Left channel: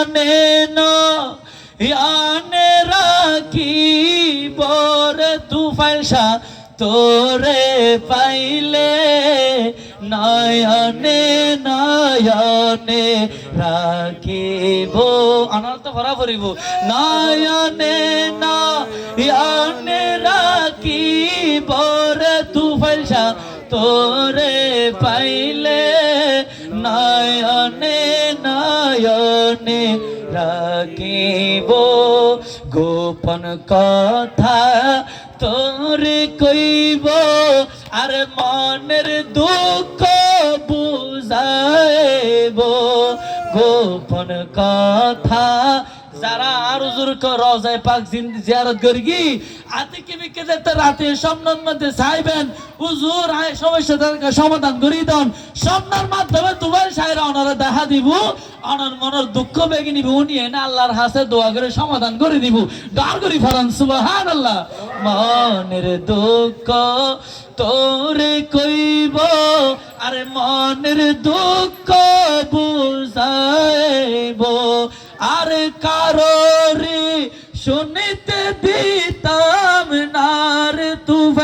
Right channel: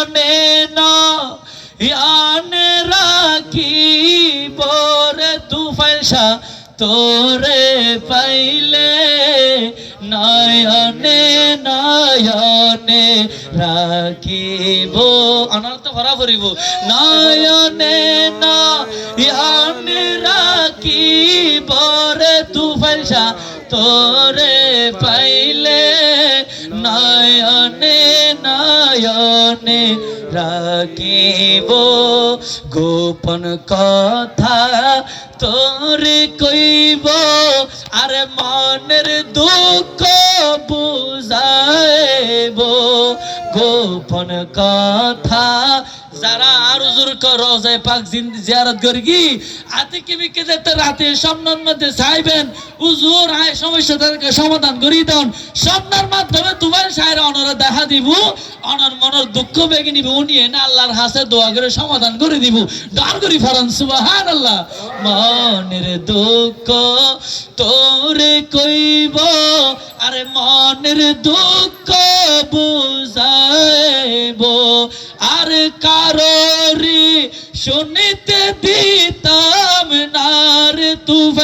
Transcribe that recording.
আনে না আনে রাখিব রে তুফাইল শাহ তোরে পাইলে নয়নে নয়নে রাখিব আনার তো ভরা ভরিব নয়নে নয়নে রাখিব রে তুফাইল শাহ তোরে পাইলে নয়নে নয়নে রাখিব গোপন কথা তোরে কইব আর মনের দুঃখ বুঝাইব গোপন কথা যারা আর হুজুর কো রওজায়ে পাক জিয়ারত করগি আতে কি বিকে যেতে রাতে স্বপ্নের মধ্যে চাইবেন হুজুর আয় সমস্যাটাকে সমাধান করি দেন স্বপ্নের মাধ্যমে তোমার সাইরা ওনারা দেখা দিব ওনার মনের দুঃখ বেগে নিব উনি না আল্লাহর হাতে দোয়া করে সমাধান করে দিব দাঁড় করি ফরান সুবহানাল্লাহ মনের দুঃখ তোরে কইব আরে মনের দুঃখ বুঝাইব আর কারোরি শুনিতে দিতাম না রে তু